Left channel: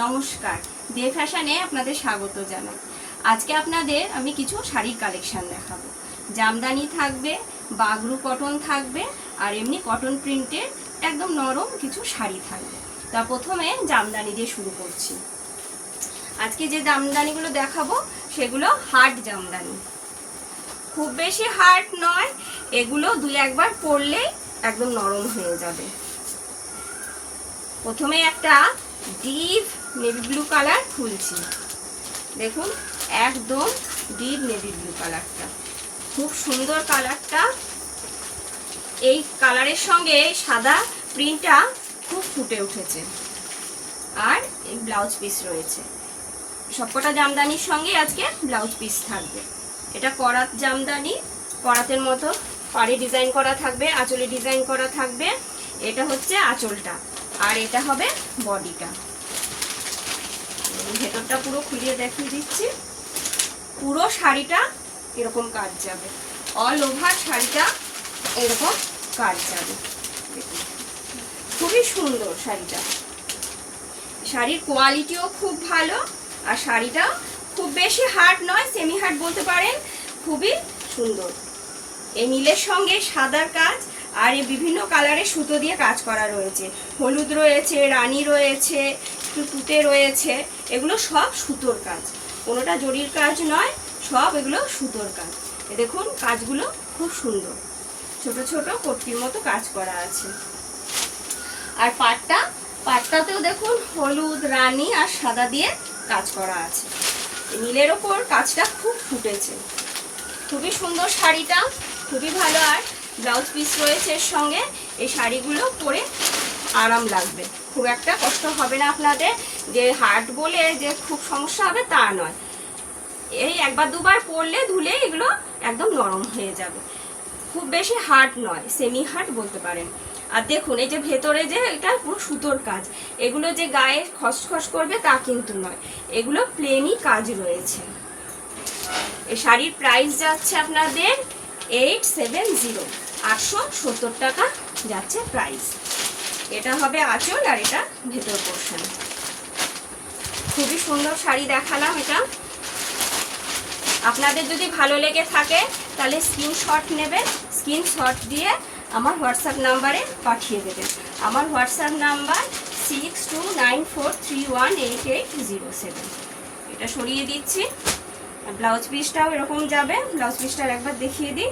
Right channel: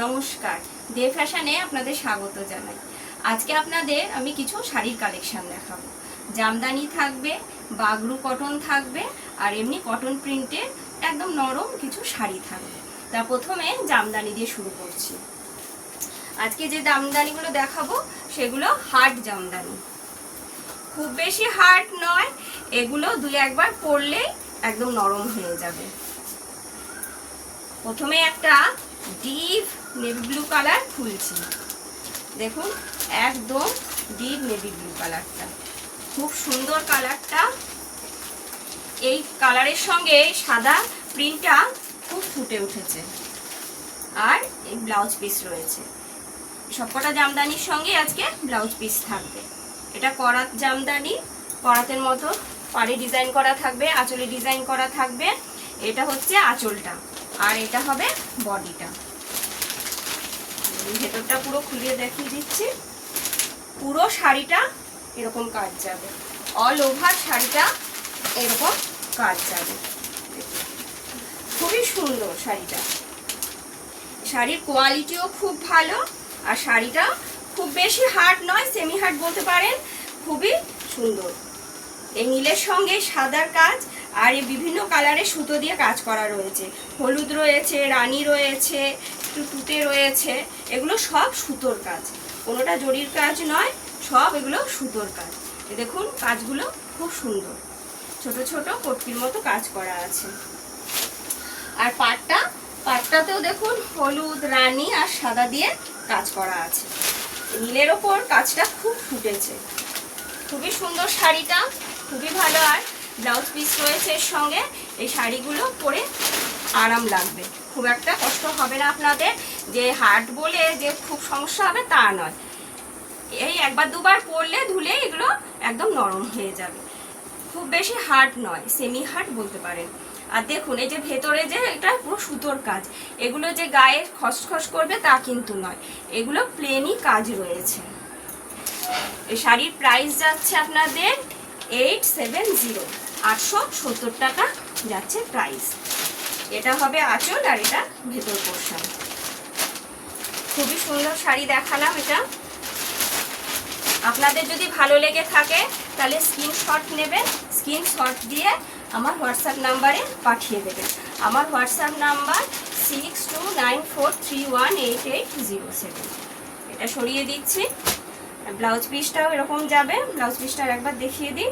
নমস্কার, ডে ফ্যাশনে আপনাদের স্বাগত জানাই। আজকে আপনাদের আমি কিছু শাড়ির কালেকশন দেখাবো। জামদানি থাকবে, বাগরু কটন থাকবে, আর এমনি কটন প্রিন্টের একদম নরম কিছু শাড়ি থাকবে। তা প্রথমে জামদানি দিয়ে শুরু করছি। আজকে যে জামদানিগুলো দেখাবো সেগুলো হার্ড জামদানি, খুব বেশি হার্ড নয়, এগুলো দুই একবার পরলেই একদম নরম হয়ে যাবে। প্রথমে একটা ডিপ নেভি ব্লু কালার খুলছি। দেখুন, একদম ডিপ নেভি ব্লু কালারটা, খুব সুন্দর কালারটা। এই কালারের সঙ্গে সাদা প্রিন্টটা খুব ফুটে উঠেছে, আর এই ব্লাউজ পিস রয়েছে। সবকটা জামদানির সঙ্গে আজকে ব্লাউজ পিস থাকবে। এটা করাত জামদানি, করাতের মতো পাড়ে ডিজাইন করা থাকবে, আঁচলে ডিজাইন করা থাকবে। এটা হচ্ছে আঁচলটা, আর এটা হবে বডিটা। ভেতরটা পুরো খুলিয়ে দেখিয়ে দিচ্ছি। পুরো শাড়িটা এরকম কাজ যাবে, অল ওভার শাড়িটা এরকম কাজ যাবে। খুবই সুন্দর শাড়িটা, শাড়ির কোয়ালিটিও খুব ভালো, আর শাড়িটা খুব বেশি হার্ড নয়, সেমি হার্ড বলতে পারেন। খুবই সুন্দর। এই নীলের সঙ্গে সাদার কাজ, আর এই বিভিন্ন কালারের সুতো দিয়ে কাজ করা রয়েছে। হলুদ রয়েছে, রানী রয়েছে, একটু তুতে রয়েছে। এগুলো সব সুতোর কাজ, কোনোটা জরির কাজ নয়, সব এগুলো সুতোর কাজ। দেখুন কাজগুলো খুব সুন্দর, ছোট ছোট কটকির মতো কাজ করা আছে। আর পাটটাতেও দেখুন হলুদ, রানী আর সাদা দিয়ে কাজ করা আছে। নীলের ওপর কাজটা খুব ফুটেছে, খুবই সুন্দর শাড়িটা, খুবই ভালো। আর ব্লাউজ পিস রয়েছে এর সঙ্গে। এই শাড়িগুলো পরে আরাম লাগবে, খুব একটা কষ্ট হবে না আপনাদের। যে হার্ড বলে যে খুব সমস্যা হবে তা নয়, এই একবার দুবার পরলে ধুলে এগুলো একদম নরম হয়ে যাবে। খুব বেশি হার্ড নয়, সেমি হার্ড বলতে পারেন। আর দেখুন এই যে ভেতরে যে এটা পুরো সুতোর কাজ, এগুলো যে গায়ে খসখস করবে তা কিন্তু নয়, এগুলো প্লেনই কাজ রয়েছে। এই শাড়ির প্রাইস যাচ্ছে আপনাদের 870, 870 টাকা যাচ্ছে প্রাইস। এটা হবে আঁচল, আর এটা ভেতর পোর্শন। খুবই সুন্দর শাড়ি দেখালাম। এটা আপনাদের যদি ভালো লেগে থাকে তাহলে স্ক্রিনশট নেবেন, স্ক্রিনশট দিয়ে আমার হোয়াটসঅ্যাপ নাম্বারে পাঠিয়ে দেবেন। আমার হোয়াটসঅ্যাপ নাম্বার 6294318807। এটা সরিয়ে দিচ্ছি। ব্লাউজ পিসটাও এরকম যাবে। ব্লাউজ পিসটার একবার দেখিয়ে দিই।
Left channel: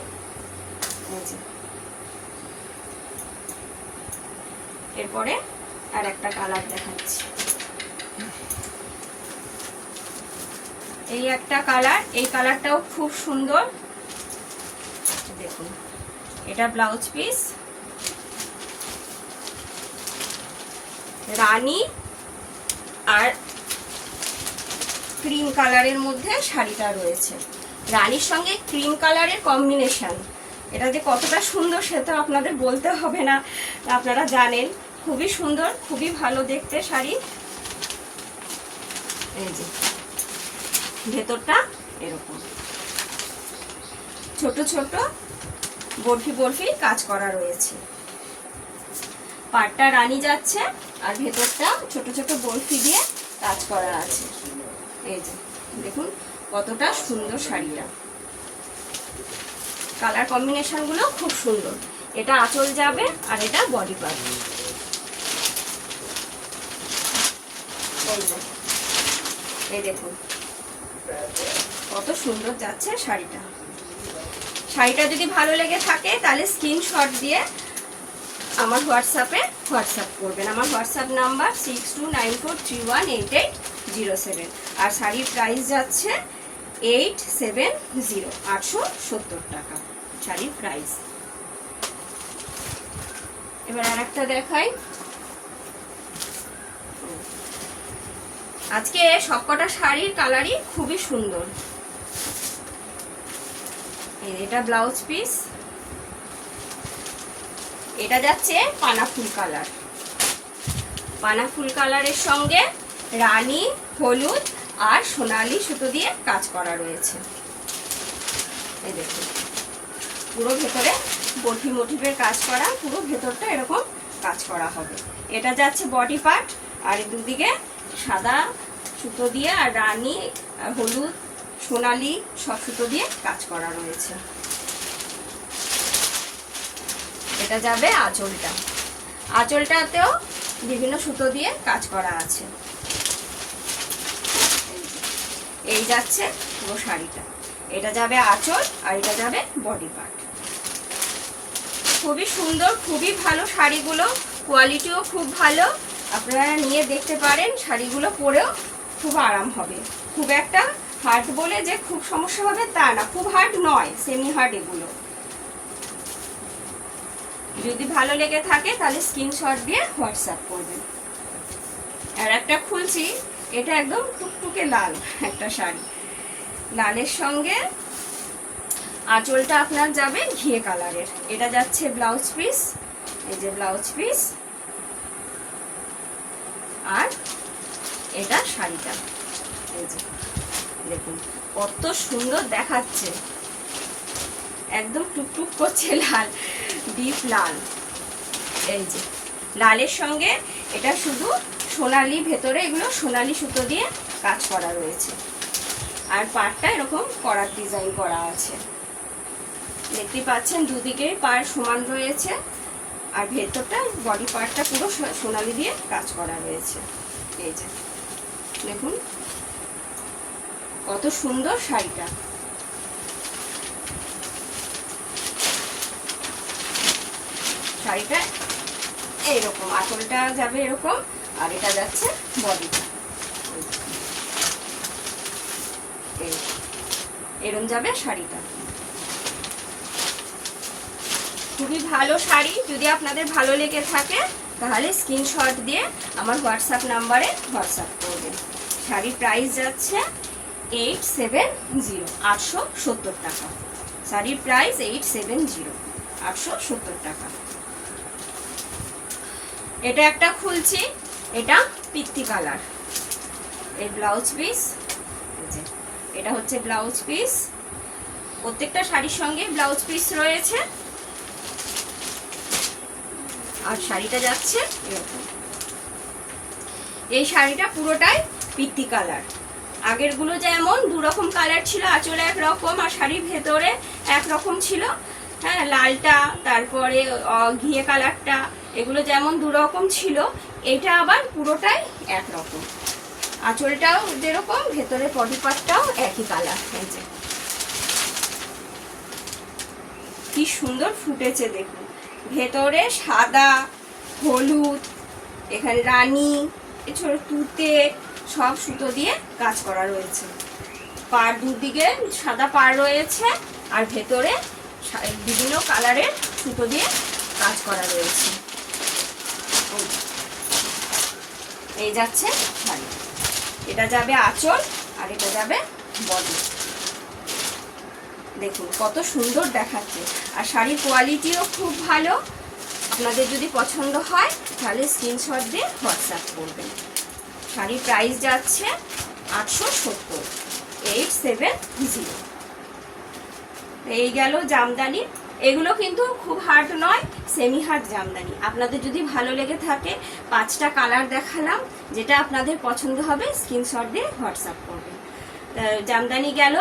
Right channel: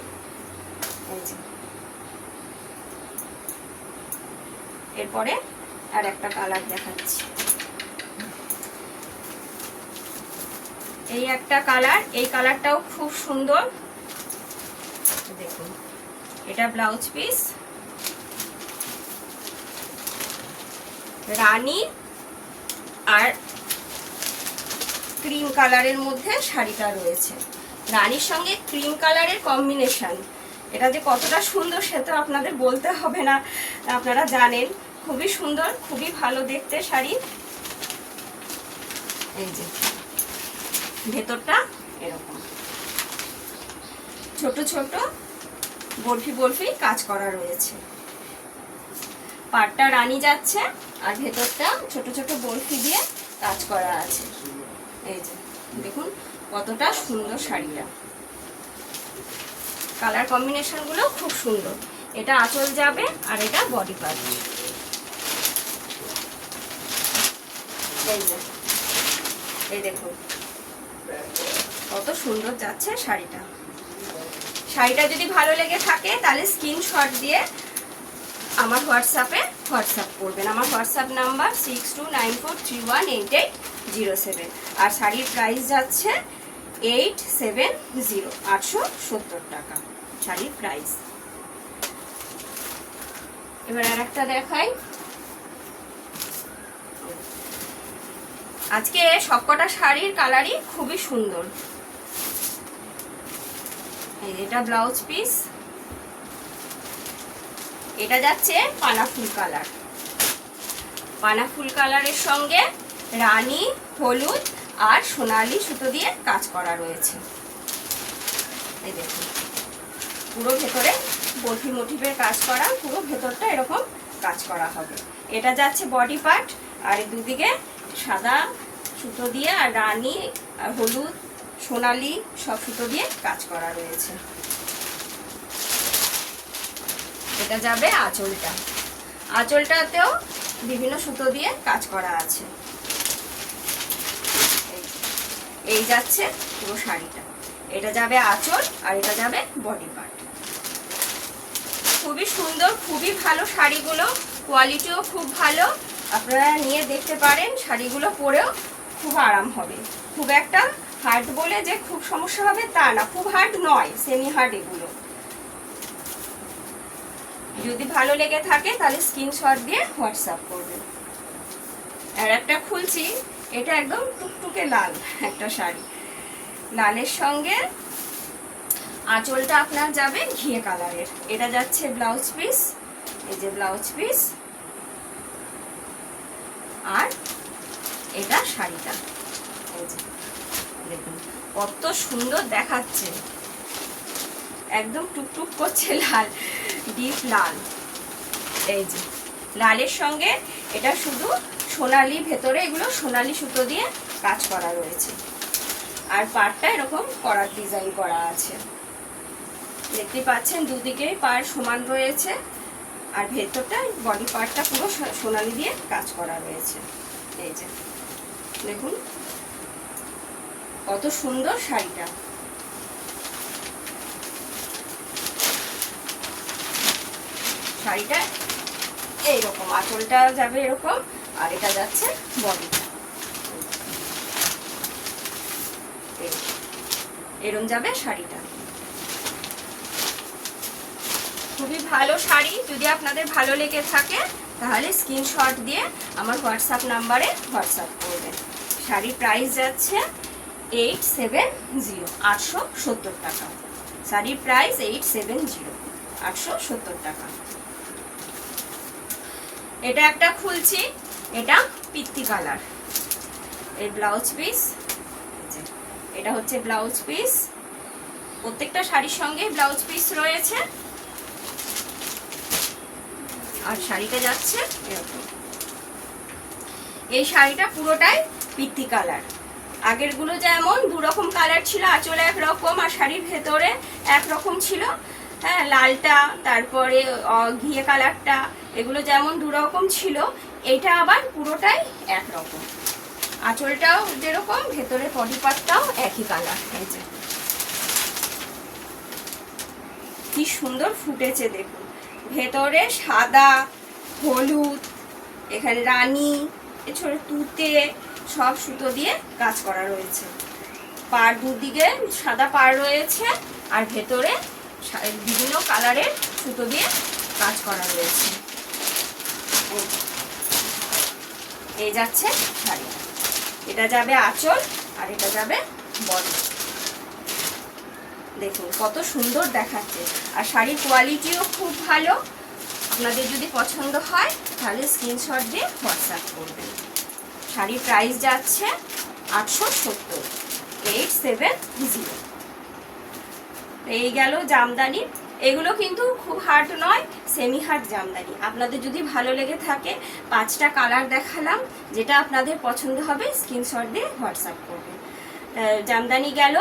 এরপরে আর একটা কালার দেখাচ্ছি। এই একটা কালার, এই কালারটাও খুব সুন্দর। দেখুন এটা ব্লাউজ পিস, রানী আর ক্রিম কালারের মধ্যে শাড়িটা রয়েছে। রানীর সঙ্গে ক্রিম কালারের কম্বিনেশন, এটা যে কতটা সুন্দর সে তো আপনাদের বলতে হবে না, আপনারা জানেন। খুবই সুন্দর, খুবই ভালো দেখতে শাড়ি। এই যে ভেতরটা এরকম ছোট ছোট বরফি বরফি কাজ করা রয়েছে। পাটটা রানী যাচ্ছে, আর ভেতরটা ছোট ছোট বরফি দিয়ে কাজ করা আছে। এই যে দেখুন কতটা সুন্দর শাড়িটা, কালার কম্বিনেশন গুলো খুব সুন্দর। এটা আঁচল যাবে, আর এটা বডি পার্ট। এই দেখুন কত সুন্দর যাচ্ছে শাড়িটা। শাড়িটা যদি ভালো লেগে থাকে তাহলে স্ক্রিনশট দিয়ে আমার হোয়াটসঅ্যাপ করবেন। আমার হোয়াটসঅ্যাপ নাম্বার 6294318807। আর শাড়ির প্রাইস যাচ্ছে 870, 870 টাকা শাড়ির প্রাইস। এবার আর একটা দেখাই। আজকে সবকটা শাড়ির কালারই খুবই সুন্দর। এটা ব্লাউজ পিস, এটা যাচ্ছে পানাফুল কালার। পানাফুল কালারের সঙ্গে রানী, হলুদ আর সোনালি সুতো দিয়ে কাজ করা রয়েছে। এই দেখুন পুরো ভেতরে বটি মোটিভের কাজ করা, পুরো ভেতরটা এরকম কাজ করা হবে। এটা যাচ্ছে বডি পার্ট, আর দুদিকে সাদা সুতো দিয়ে আর রানী আর হলুদ সোনালি সব সুতো দিয়ে কাজ করা রয়েছে। এটা যাবে আঁচলটা, আঁচলটাতেও বিভিন্ন সুতো দিয়ে কাজ করা আছে। এই যাচ্ছে পুরো শাড়িটা, এটা যাবে আঁচল আর এটা যাবে বডি পার্ট। খুবই সুন্দর, খুবই ভালো শাড়িগুলো, কোয়ালিটিও খুব ভালো। আপনারা নিয়ে দেখতে পারেন, শাড়িগুলো পরেও খুব আরাম হবে। খুব একটা হার্ড বলে যে খুব সমস্যা হবে তা না, খুব হার্ড নয়, সেমি হার্ড এগুলো। যদি ভালো লেগে থাকে তাহলে স্ক্রিনশট দিয়ে হোয়াটসঅ্যাপ করবেন। আর একটা খুলছি, এটা একদম টুকটুকে লাল একটা শাড়ি, লালের সঙ্গে আঁচলটা আপনার যাবে ঘিয়ে কালারের। এটা যাচ্ছে ব্লাউজ পিস, এই যে ব্লাউজ পিস, আর এটা শাড়িটা। এই যে দেখুন কত সুন্দর দেখাচ্ছে, একদম টুকটুক করছে লাল, ডিপ লাল। এই যে লালের সঙ্গে এটা শুধু সোনালি, ভেতরে এগুলো সোনালি সুতো দিয়ে কাজ করা রয়েছে। আর পাড়টা এরকম করার ডিজাইন করা আছে, দেখতে পাচ্ছেন দুদিকেই পাড় সমান রয়েছে। আর ভেতরটা বডি পার্টটা পুরো সোনালি দিয়ে কাজ করা রয়েছে। এই যে দেখুন কত সুন্দর শাড়িটা। শাড়িটা এইরকম, আঁচলটা যাবে এরকম, আর এটা যাচ্ছে বডিটা, এরকম যাবে শাড়িটা। খুবই ভালো শাড়ি, যদি আপনাদের ভালো লেগে থাকে তাহলে স্ক্রিনশট দিয়ে আমার হোয়াটসঅ্যাপ নাম্বারে হোয়াটসঅ্যাপ করবেন। শাড়ির প্রাইস যাচ্ছে 870, 870 টাকা। শাড়ির প্রাইস 870, 870 টাকা। এটা একটা খুলছি, এটা পিত্তি কালার, এই ব্লাউজ পিস, এটা হচ্ছে ব্লাউজ পিস। প্রত্যেকটা শাড়ির সঙ্গে ব্লাউজ পিস রয়েছে। আর শাড়িটা যাচ্ছে এরকম। এই শাড়িটা পুরোটাই পিত্তি কালার। আগেরগুলো যেমন দুরকম কালার ছিল, আঁচলে একরকম আর শাড়ির ভেতরে একরকম ছিল, হ্যাঁ, লালটা তারপরে ঘিয়ে কালারটা, এগুলো যেমন দুরকম ছিল, এইটা আবার পুরোটাই একরকম। আঁচলটাও যেরকম, ভেতরে বডি পার্টটাও একই কালার। এই যে কি সুন্দর ফুটেছে দেখুন, ভেতরে সাদা হলুদ, এখানে রানী, এছাড়া তুতে সব সুতো দিয়ে কাজ করা রয়েছে। পাড় দুদিকে সাদা পাড় রয়েছে, আর ভেতরে বিভিন্ন কালারের সুতো দিয়ে কাজ করা রয়েছে। এই যাচ্ছে শাড়ি, এটা যাবে আঁচল আর এটা যাবে বডি। দেখুন কত সুন্দর দেখাচ্ছে, আর শাড়ির কোয়ালিটিও খুব ভালো। আপনাদের যদি পছন্দ হয় তাহলে স্ক্রিনশট দিয়ে হোয়াটসঅ্যাপ করবেন। শাড়ির প্রাইস যাচ্ছে 870, 870। এই গেল জামদানি। এগুলো কিন্তু খুব হার্ড নয়, সেমি হার্ড জামদানি। আপনাদের যদি ভালো লেগে থাকে, 5টা কালার দেখালাম, যেটা আপনাদের পছন্দ হবে স্ক্রিনশট দিয়ে হোয়াটসঅ্যাপ করবেন। জামদানি গেল,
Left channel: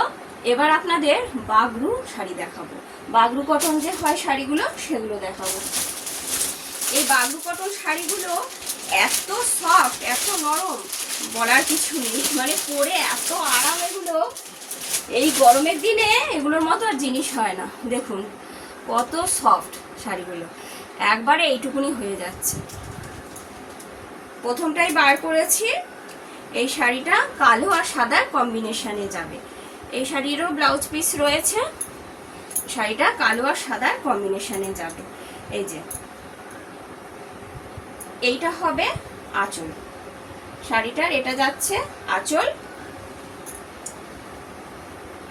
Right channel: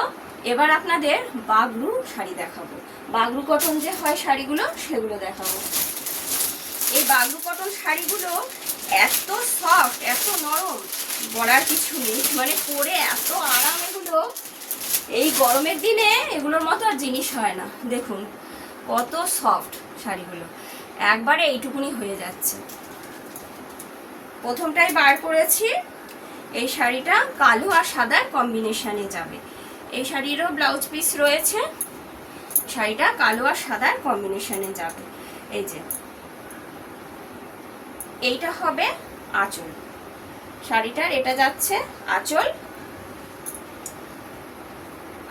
এবার আপনাদের বাগরু শাড়ি দেখাবো। বাগরু কটন যে হয় শাড়িগুলো, সেগুলো দেখাবো। এই বাগরু কটন শাড়িগুলো এত সফট, এত নরম, বলার কিছু নেই। মানে পরে এত আরাম, এগুলো এই গরমের দিনে এগুলোর মতো আর জিনিস হয় না। দেখুন কত সফট শাড়িগুলো, একবারে এইটুকুনি হয়ে যাচ্ছে। প্রথমটাই বার করেছি, এই শাড়িটা কালো আর সাদার কম্বিনেশনে যাবে। এই শাড়িরও ব্লাউজ পিস রয়েছে, শাড়িটা কালো আর সাদার কম্বিনেশনে যাবে। এই যে এইটা হবে আঁচল শাড়িটার, এটা যাচ্ছে আঁচল,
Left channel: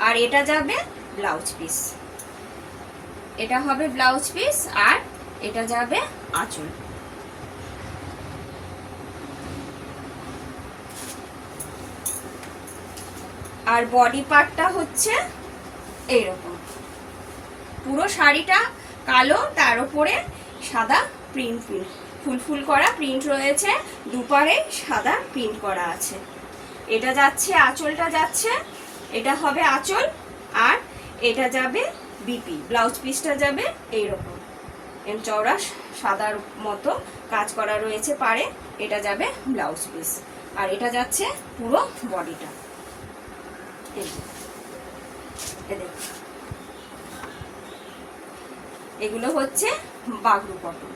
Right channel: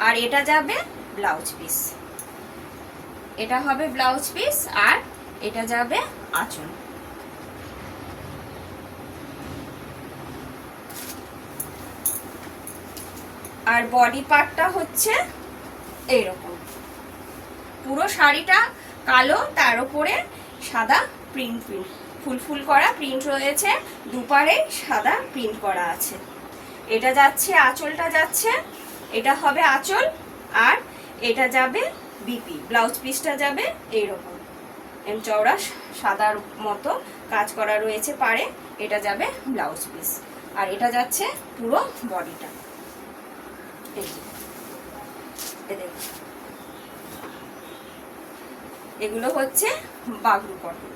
আর এটা যাবে ব্লাউজ পিস। এটা হবে ব্লাউজ পিস আর এটা যাবে আঁচল। আর বডি পার্টটা হচ্ছে এইরকম, পুরো শাড়িটা কালো, তার উপরে সাদা প্রিন্ট ফুল ফুল করা প্রিন্ট রয়েছে, দুপারে সাদা প্রিন্ট করা আছে। এটা যাচ্ছে, আঁচলটা যাচ্ছে, এটা হবে আঁচল, আর এটা যাবে বিপি, ব্লাউজ পিসটা যাবে এইরকম চওড়া সাদার মতো কাজ করা রয়েছে পারে, এটা যাবে ব্লাউজ পিস, আর এটা যাচ্ছে পুরো বডিটা। এগুলো হচ্ছে বাগরু কটন,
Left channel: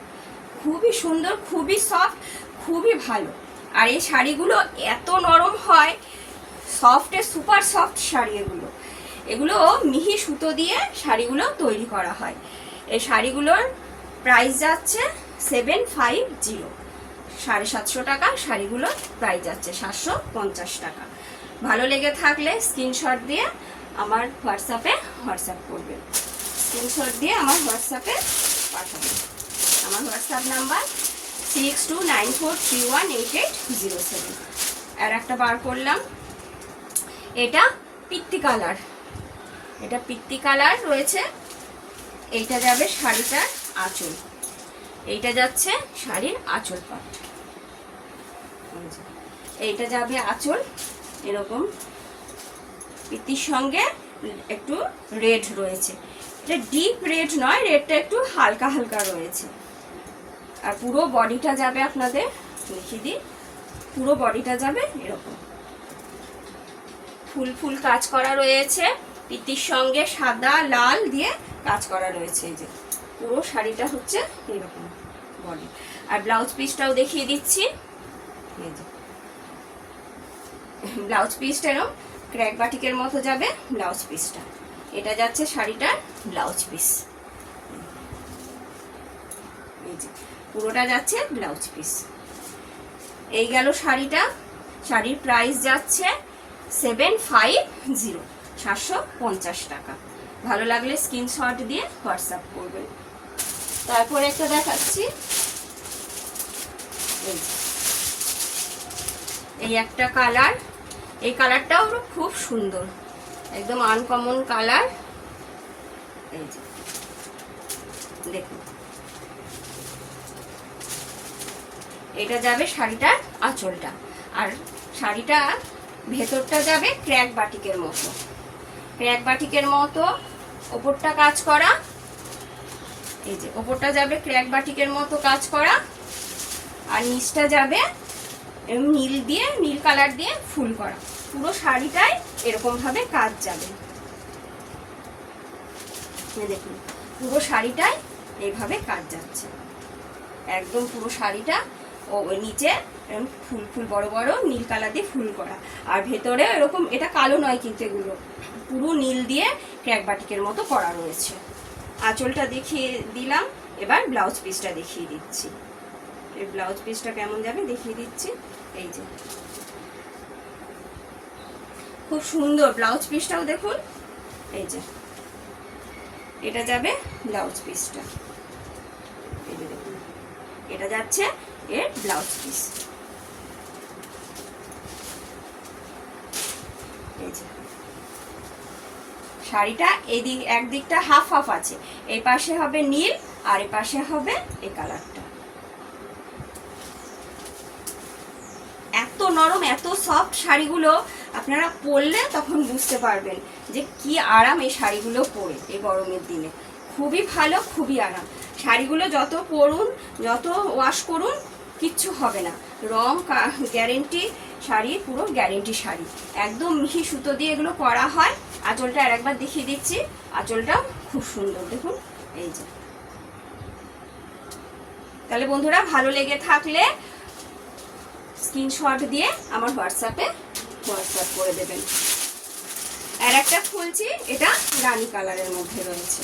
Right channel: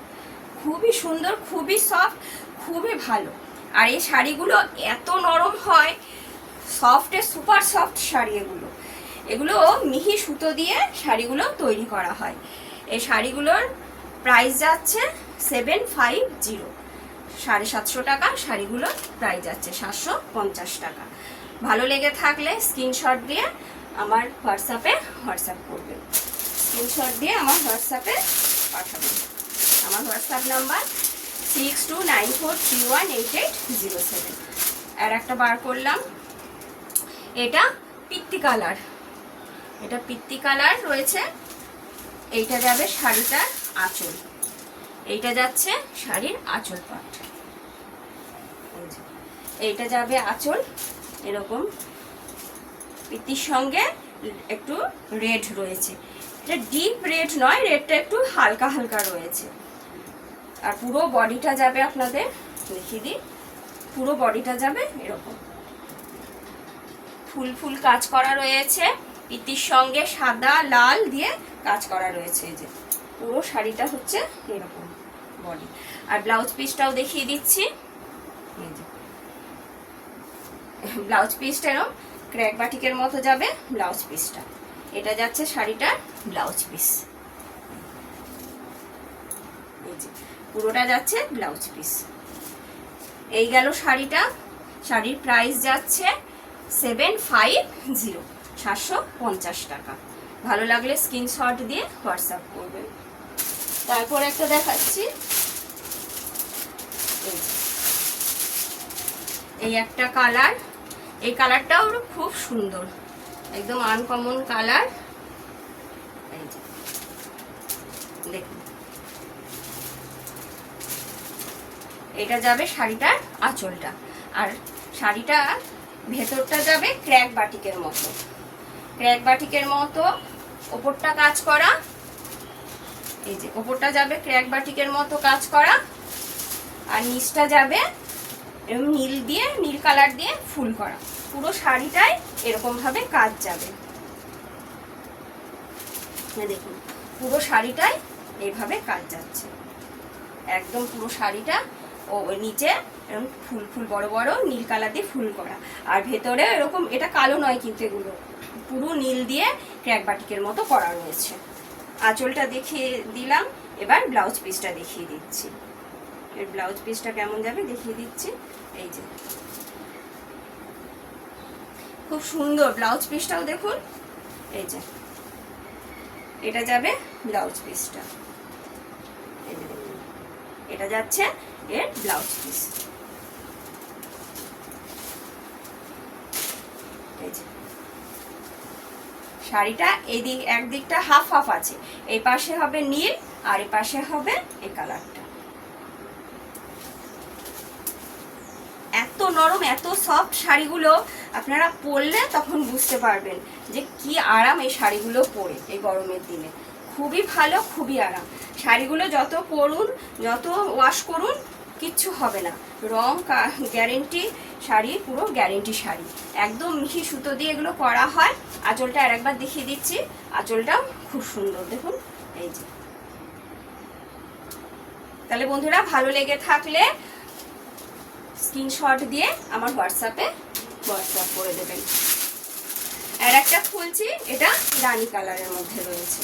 খুবই সুন্দর, খুবই সফট, খুবই ভালো। আর এই শাড়িগুলো এত নরম হয়, সফটে সুপার সফট শাড়ি এগুলো। এগুলো মিহি সুতো দিয়ে শাড়িগুলো তৈরি করা হয়। এই শাড়িগুলোর প্রাইস যাচ্ছে 750, 750 টাকা। শাড়িগুলো প্রাইস যাচ্ছে 750 টাকা। ভালো লেগে থাকলে স্ক্রিনশট দিয়ে আমার হোয়াটসঅ্যাপ করবেন, স্ক্রিনশট দিয়ে আমার হোয়াটসঅ্যাপে পাঠাবেন। আমার হোয়াটসঅ্যাপ নাম্বার 6294318807। আর একটা বার করলাম, এটা পিত্তি কালার, এটা পিত্তি কালার রয়েছে। এইটা যাবে শাড়িটার আঁচল, এইটা যাচ্ছে শাড়ির আঁচল পাট, এইটা যাবে আঁচল এরকম পিত্তির সঙ্গে একটু রেড রয়েছে। এটা ডিপ রেড নয়, রেডটা একটু হালকা হালকা রয়েছে। আর পুরো বডিটা যাবে, আপনাদের দেখিয়ে দিই, পুরো বডিটা যাবে এরকম ফুল ফুল কাজ করা রয়েছে, পিত্তির সঙ্গে সাদা লাল দিয়ে কাজ করা রয়েছে। এই যে পুরো শাড়িটা হচ্ছে এরকম বডি। আর ব্লাউজ পিসটাও দেখিয়ে দিচ্ছি, এই যে ব্লাউজ পিসটা এরকম ক্র্যাক বাটিকের মতো যাবে ব্লাউজ পিসটা। এটা যাচ্ছে শাড়িটার ব্লাউজ পিস, এই যে পুরোটা যাচ্ছে ব্লাউজ পিস। এই গেল শাড়িটা। শাড়ির প্রাইস যাচ্ছে 750, 750 টাকা। ভালো লাগলে স্ক্রিনশট দিয়ে হোয়াটসঅ্যাপ করবেন। তারপরে একটা দেখাচ্ছি, এই একটা কালার, এই কালারটাও খুব সুন্দর, একদম আনকমন কালার। এই যে দেখুন, এটা যাবে শাড়িটার আঁচলটা, আর শাড়িটা ভেতরটা যাবে ক্র্যাক বাটিকের মতো, ক্র্যাক বাটিকের মতো ওপরটা কাজ করা। এই যে ওপরটা যাবে ক্র্যাক বাটিকের মতো কাজ করা, আর নিচটা যাবে নীল দিয়ে, নীল কালার দিয়ে ফুল করা। পুরো শাড়িটায় এরকম ভাবে কাজ যাবে, দেখুন পুরো শাড়িটায় এইভাবে কাজ যাচ্ছে, একদম পুরো শাড়িটা। ও নিচে ফুল ফুল বড় বড় নীল কালার দিয়ে ফুল করা, আর ভেতরে এরকম, এটা কালো নয় কিন্তু, এগুলো পুরো নীল দিয়ে ক্র্যাক বাটিকের মতো করা রয়েছে। আঁচলটা দেখিয়ে দিলাম, এবার ব্লাউজ পিসটা দেখিয়ে দিচ্ছি। এর ব্লাউজ পিসটা কেমন যাবে দেখিয়ে দিচ্ছি। এই যে খুব সুন্দর ব্লাউজ পিসটাও দেখুন, এই যে এটা যাবে ব্লাউজ পিসটা, এটা যাচ্ছে এর ব্লাউজ পিস। শাড়িটা এদিক একদিকটা হাফ হাফ আছে, এই পাশে হবে নীল আর এই পাশে হবে এই কালারটা। এত নরম, এত সফট শাড়িগুলো, আপনারা পরলে তখন বুঝতে পারবেন যে কি আরাম এই শাড়িগুলো পরে এই গরমের দিনে। খুবই ভালো, খুবই আরাম শাড়িগুলো। যত পরুন, যত ওয়াশ করুন, কিচ্ছু হবে না। রং গ্যারেন্টি, শাড়ি পুরো গ্যারেন্টি শাড়ি, একদম মিহি সুতো দিয়ে এগুলো করা হয়। আঁচলটা আরেকবার দেখিয়ে দিচ্ছি, আঁচলটা খুব সুন্দর দেখুন, এই যে। তাহলে বন্ধুরা, ভালো লেগে থাকলে স্ক্রিনশট দিয়ে আমার হোয়াটসঅ্যাপ করে দেবেন। আর একটা খুলছি, এটা রানী কালারের মধ্যে রয়েছে,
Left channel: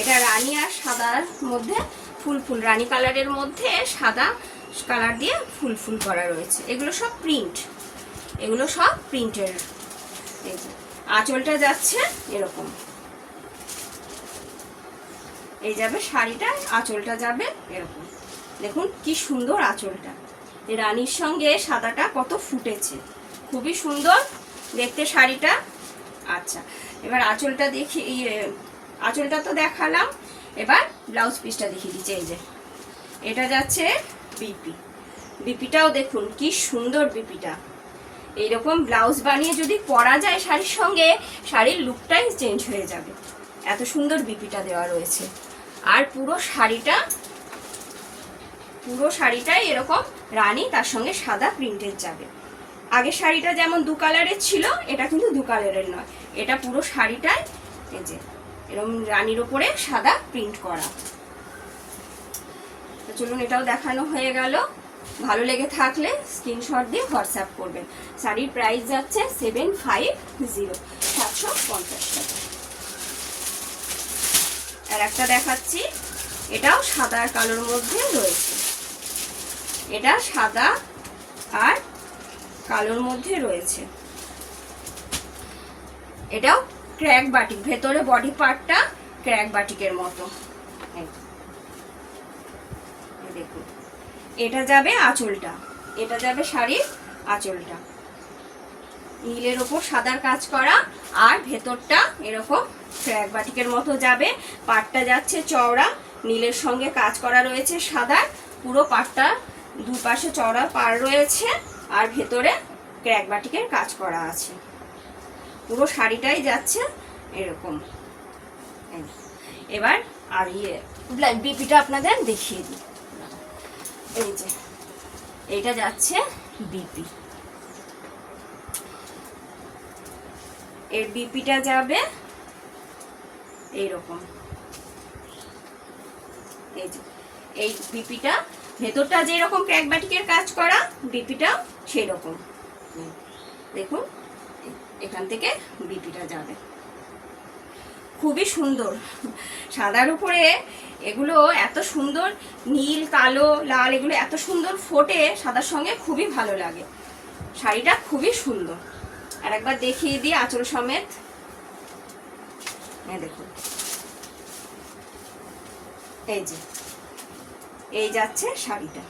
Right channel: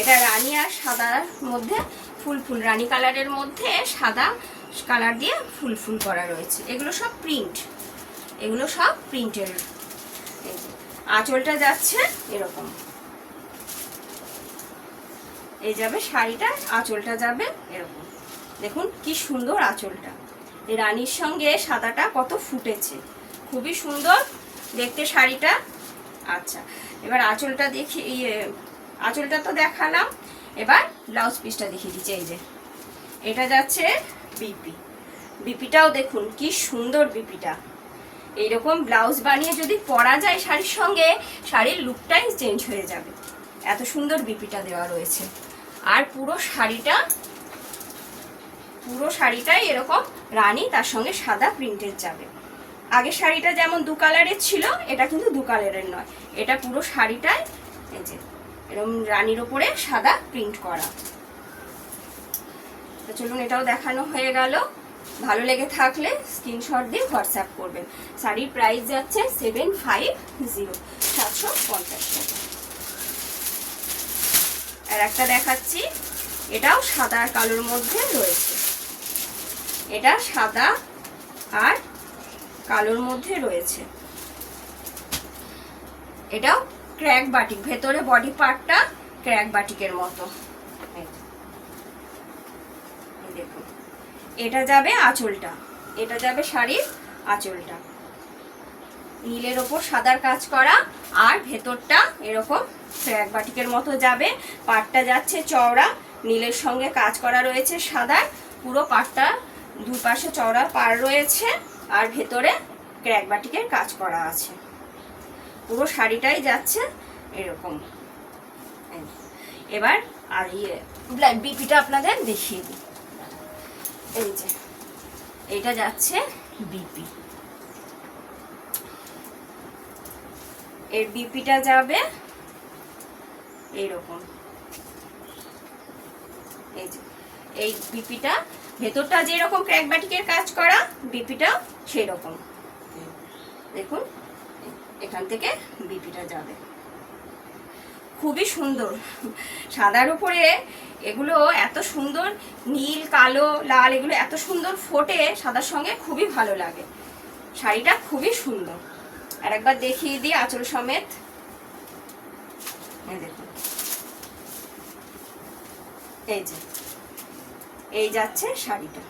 এটা রানী আর সাদার মধ্যে ফুল ফুল, রানী কালারের মধ্যে সাদা কালার দিয়ে ফুল ফুল করা রয়েছে। এগুলো সব প্রিন্ট, এগুলো সব প্রিন্টের। এই যে আঁচলটা যাচ্ছে এরকম, এই যাবে শাড়িটা, আঁচলটা যাবে এরকম। দেখুন কি সুন্দর আঁচলটা, রানীর সঙ্গে সাদাটা কত ফুটেছে, খুবই সুন্দর দেখতে শাড়িটা। আচ্ছা, এবার আঁচলটা আঁচলটা তো দেখালাম, এবার ব্লাউজ পিসটা দেখিয়ে দিচ্ছি। এই যে এটা যাচ্ছে বিপি। বিপিটাও দেখুন কি সুন্দর বিপিটা। এইরকম ব্লাউজ বানিয়ে যদি পরা যায় শাড়ির সঙ্গে, শাড়ির লুকটাই চেঞ্জ হয়ে যাবে। এত সুন্দর বিপিটা দেওয়া রয়েছে। আর পুরো শাড়িটাই এরকম রানী, তার সঙ্গে সাদা প্রিন্টের যাবে। আগের শাড়িটা যেমন 2 কালারের ছিল, এটা কিন্তু 2 কালারের নয়, এটা পুরো শাড়িটাই এই যে এরকম রানীর উপরে সাদা প্রিন্ট করা। চলুন এটাও দেখানো হয়ে গেল। ভালো লেগে থাকলে স্ক্রিনশট দিয়ে হোয়াটসঅ্যাপ করবেন। শাড়ির প্রাইস যাচ্ছে 750, 750 টাকা। আর একটা দেখাচ্ছি, এটাও সাদা আর কালোর মধ্যে রয়েছে। এটা সাদা আর কালোর মধ্যে রয়েছে। এটাও ক্র্যাক বাটিক, ভেতরে বডি পার্টটা ক্র্যাক বাটিকের মতো। দেখুন এটা যাবে আঁচলটা, এটা যাবে শাড়ির আঁচলটা, নীলের ওপর সাদার কাজ করা, আর ভেতরটা এরকম ক্র্যাক বাটিকের মতো যাবে। পাটটা যাচ্ছে চওড়া, নীলের সঙ্গে কাজ করা রয়েছে সাদার, পুরো পাটটা দুপাশে চওড়া পাড় রয়েছে, আর ভেতরে ক্র্যাক বাটিকের কাজ করা আছে। পুরো শাড়িটাই যাচ্ছে এরকম। এবার আর বিপিটা আপনাদের দেখিয়ে দিই। এই যে এটা যাচ্ছে বিপি, এর বিপিটা যাবে এইরকম। এই যে এই বিপিটা, ভেতরটা যেরকম ক্র্যাক বাটিকের কাজ করা, বিপিটা সেই রকম। দেখুন এখান থেকে বিপিটা যাবে, খুবই সুন্দর। সাদার উপরে এগুলো এত সুন্দর, নীল কালো লাল এগুলো এত সুন্দর ফোটে সাদার সঙ্গে, খুবই ভালো লাগে। শাড়িটা খুবই সুন্দর। আর একবার দেখিয়ে দিই আঁচল সমেত। দেখুন এই যে এই যাচ্ছে শাড়িটা,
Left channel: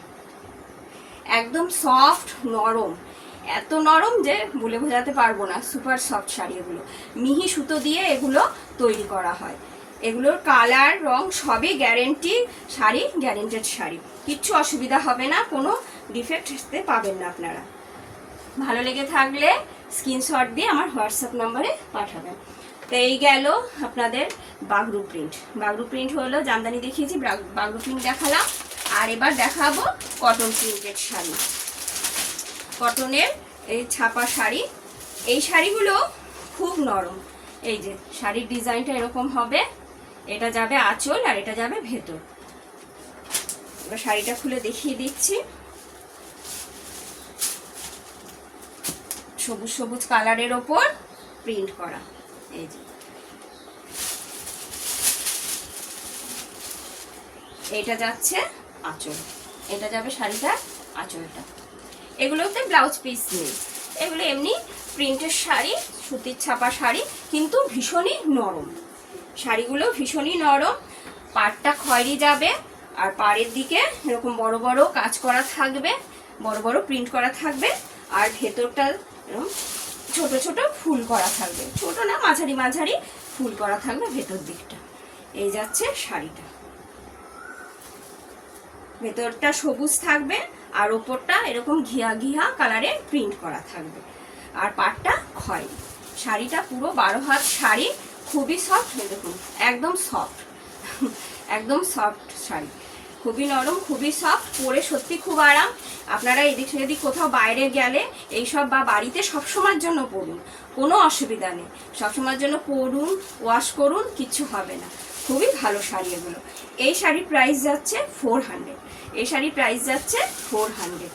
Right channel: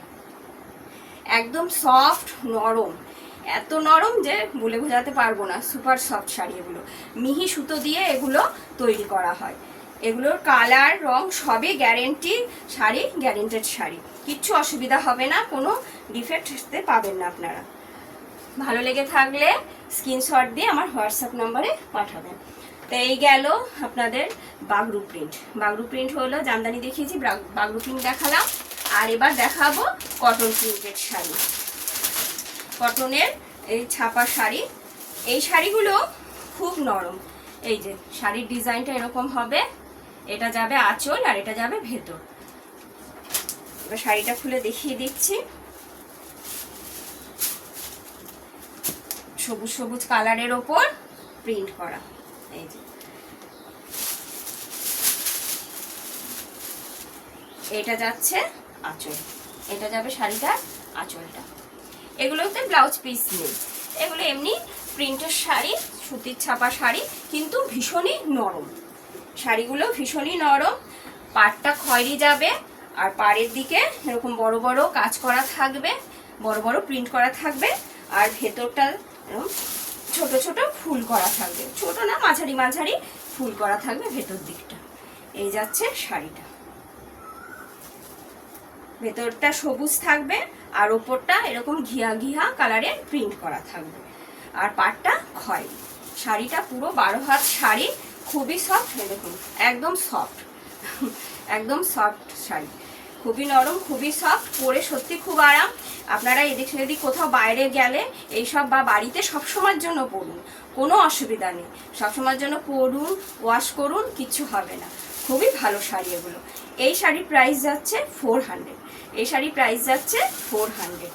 একদম সফট নরম, এত নরম যে বলে বোঝাতে পারবো না। সুপার সফট শাড়ি এগুলো, মিহি সুতো দিয়ে এগুলো তৈরি করা হয়। এগুলোর কালার রং সবই গ্যারেন্টি শাড়ি, গ্যারেন্টেড শাড়ি, কিচ্ছু অসুবিধা হবে না, কোনো ডিফেক্ট পাবেন না আপনারা। ভালো লেগে থাকলে স্ক্রিনশট দিয়ে আমার হোয়াটসঅ্যাপ নম্বরে পাঠাবেন। তো এই গেল আপনাদের বাগরু প্রিন্ট। বাগরু প্রিন্ট হলো জামদানি দেখিয়েছি, বাগরু প্রিন্ট দেখালাম। আর এবার দেখাবো কটন প্রিন্টেড শাড়ি, কটনের এই ছাপা শাড়ি। এই শাড়িগুলো খুব নরম। এই যে শাড়ির ডিজাইনটা এরকম হবে, এটা যাবে আঁচল আর এটা যাবে ভেতর। এবার শাড়িটা খুলে দেখিয়ে দিচ্ছি। সবুজ সবুজ কালারের ওপর প্রিন্ট করা। এই যে এটা যাচ্ছে আঁচল, এটা যাবে শাড়িটার আঁচলটা। এগুলোতে ব্লাউজ পিস নেই, এগুলো এমনি প্রিন্টের শাড়ি, সুতির ছাপা শাড়ি, কিন্তু ভীষণই নরম। শাড়িগুলো ভীষণই নরম। পাড়টা খয়েরি যাবে, আর পাড়ের দিকে এরকম বড় বড় কাজ করা থাকবে, বড় বড় প্রিন্ট করা থাকবে, আর ভেতরটা এরকম ছোট ছোট ফুল করা থাকবে, ছোট না মাঝারি মাঝারি ফুল করা থাকবে ভেতর দিকটা। এই যাচ্ছে শাড়িটা, ভেতরটা সবুজ থাকবে আর ওপরটা এরকম ঘিয়া ঘিয়া কালারে প্রিন্ট করা থাকবে, আর পাড়টা খয়েরি। শাড়িটা পুরো 12 হাত শাড়ি, খুবই সফট, এরকম একদম সফট, একদম সফট শাড়ি, খুবই নরম, খুবই সফট, পরে সত্যি খুব আরাম। আপনারা এদিক সেদিক কোথাও বাইরে গেলে এইসব, বা বাড়িতে সবসময়ের জন্য পরুন, কোনো অসুবিধা নেই, সবসময়ের জন্য পরুন, ওয়াশ করুন, কিচ্ছু হবে না। খুবই ভালো শাড়ি এগুলো। এই শাড়ির প্রাইস যাচ্ছে 400, এই শাড়ির প্রাইস যাচ্ছে 400।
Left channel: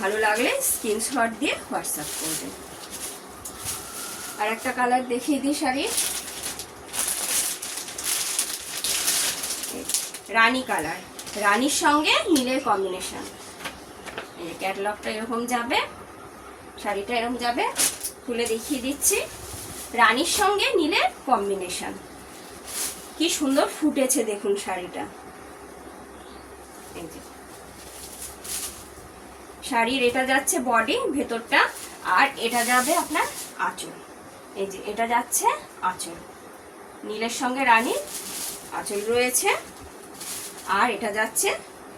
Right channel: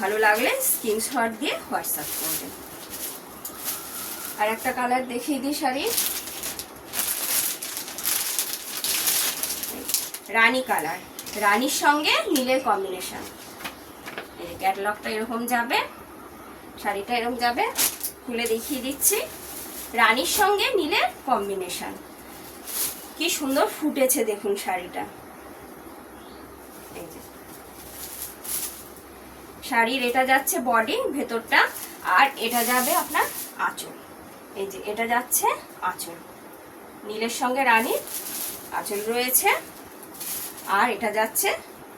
ভালো লাগলে স্ক্রিনশট দিয়ে হোয়াটসঅ্যাপ করবেন। আর একটা কালার দেখিয়ে দিই শাড়ি, রানী কালার, রানীর সঙ্গে নীলের কম্বিনেশন। এই ক্যাটালগটা এরকম যাবে, শাড়িটা এরকম যাবে, খুলে দেখিয়ে দিচ্ছি। রানীর সঙ্গে নীলের কম্বিনেশন, কি সুন্দর ফুটেছে দেখুন শাড়িটা। এই যে শাড়ির এটা যাচ্ছে বডি, ভেতরটা, আর এটা যাবে আপনার আঁচল। এই যে এটা যাচ্ছে আঁচল, নীলের সঙ্গে রানীর আঁচল রয়েছে, আর এটা যাচ্ছে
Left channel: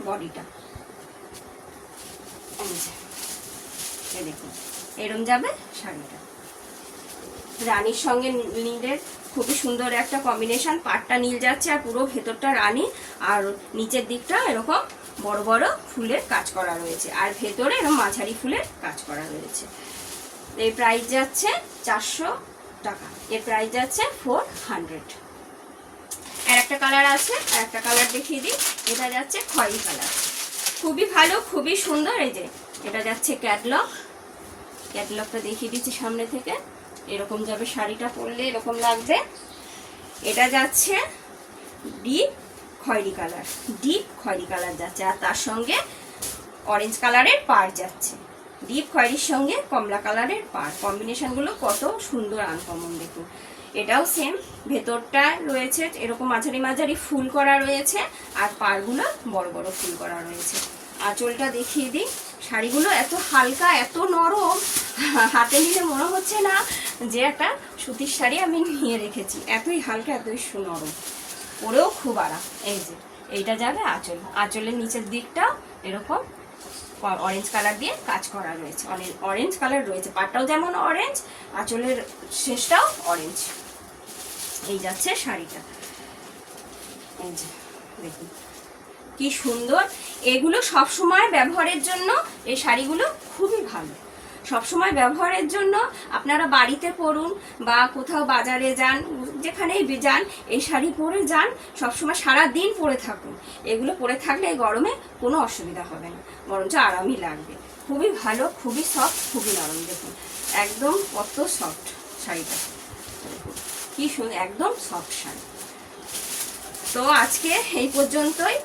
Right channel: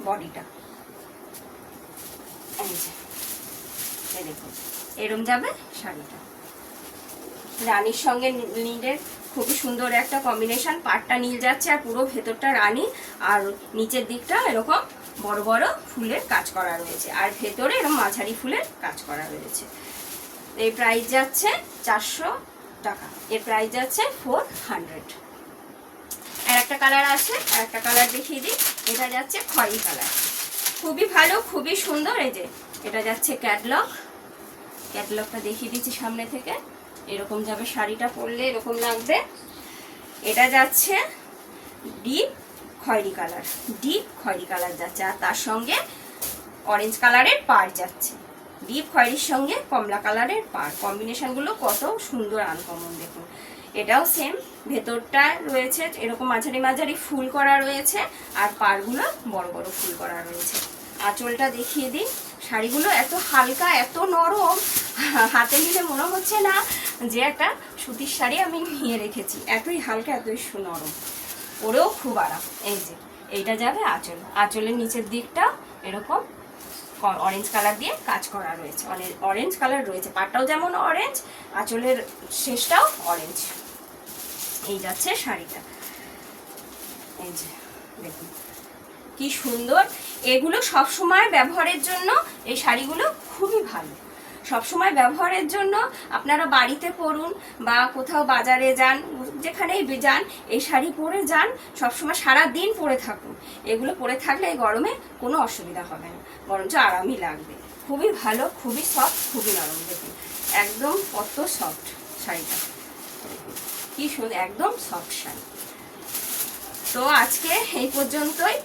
বডিটা। এই দেখুন এরম যাবে শাড়িটা। রানীর সঙ্গে নীলের খুবই সুন্দর একটা কম্বিনেশন, পাড়টা নীল যাচ্ছে আর পুরো ভেতরটা রানী, আর নিচের দিকটা এরকম বড় বড় ফুলের কাজ করা রয়েছে, আর ভেতরে এরকম মাঝারি ফুলের কাজ করা রয়েছে। এই প্রাইস যাচ্ছে 400 টাকা, এর প্রাইস যাচ্ছে 400। আর একটা কালার আছে, আর একটা কালার দেখিয়ে দিই। এটা যাচ্ছে খয়েরি কালার, খুবই ভালো, খুবই সুন্দর। এই যে এটা যাচ্ছে ক্যাটলগ, ক্যাটলগটা দেখিয়ে দিচ্ছি সামনে থেকে। এরকম যাবে শাড়িটা, পরলে এরকম লাগবে। এটা যাচ্ছে ডিপ খয়েরি কালার, ডিপ খয়েরি কালার যাচ্ছে, আর তার সঙ্গে অরেঞ্জ কালারের পাড় যাচ্ছে। ডিপ খয়েরির সঙ্গে কমলা কালারের পাড়, কম্বিনেশনগুলো কত সুন্দর আনকমন দেখুন। এটাও সেম, ভেতরটা রয়েছে এরকম মাঝারি মাঝারি ফুল করা রয়েছে, আর পাড়গুলো বড় বড় ফুল করা রয়েছে। আঁচলটা দেখিয়ে দিই। শাড়িগুলো এত হালকা, এত নরম, হাতে নিলে মনে হচ্ছে না যে একটা সুতির শাড়ি আমি নিয়ে রেখেছি, এতই হালকা, এতই নরম, পরেও খুব আরাম। এই যে এইটা যাবে আঁচল, আঁচলের নিচের দিকটা এরকম অরেঞ্জ কালার দিয়ে কাজ করা রয়েছে, অরেঞ্জ কালার রয়েছে, পাটটাও যেমন অরেঞ্জ, আঁচলের শেষটাও অরেঞ্জ। এই যাচ্ছে শাড়িটা। এই যে দেখুন কি সুন্দর। এগুলো সব সময় ব্যবহারের জন্য, এই শাড়িগুলো খুবই ভালো, সব সময় ব্যবহারের জন্য। আপনারা বাড়িতে পরুন বা কোথাও বাজারে যান, যেখানেই যান, এই শাড়ি পরে যান, সবসময় সারা দিন পরে থাকুন। এগুলো পরে থাকলে এই গরমে কোনো অসুবিধা হবে না, বরঞ্চ আরামই লাগবে। খুবই ভালো, খুবই সফট, খুবই নরম। দেখুন একদম কত সফট শাড়িটা, কি সুন্দর, একদম সফট শাড়ি। তো আজকে এই পর্যন্তই।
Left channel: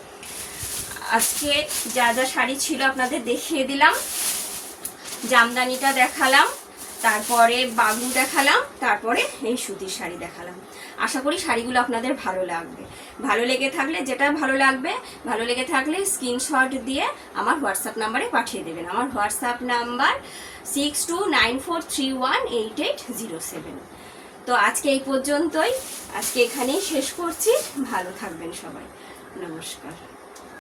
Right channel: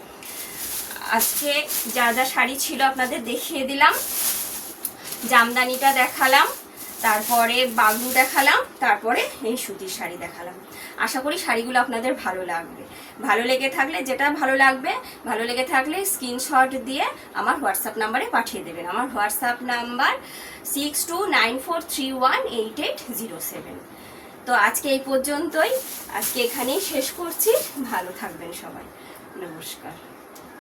আজকে যা যা শাড়ি ছিল আপনাদের দেখিয়ে দিলাম। জামদানিটা দেখালাম, তারপরে বাগলু দেখালাম, তারপরে এই সুতির শাড়ি দেখালাম। আশা করি শাড়িগুলো আপনাদের ভালো লাগবে। ভালো লেগে থাকলে, যেটা ভালো লাগবে, ভালো লেগে থাকলে স্ক্রিনশট দিয়ে আমার হোয়াটসঅ্যাপ নাম্বারে পাঠিয়ে দেবেন। আমার হোয়াটসঅ্যাপ নাম্বার 6294318807। তো আজকে এই পর্যন্তই, আজকে এখানেই শেষ করছি। ভালো থাকবেন সবাই, নমস্কার।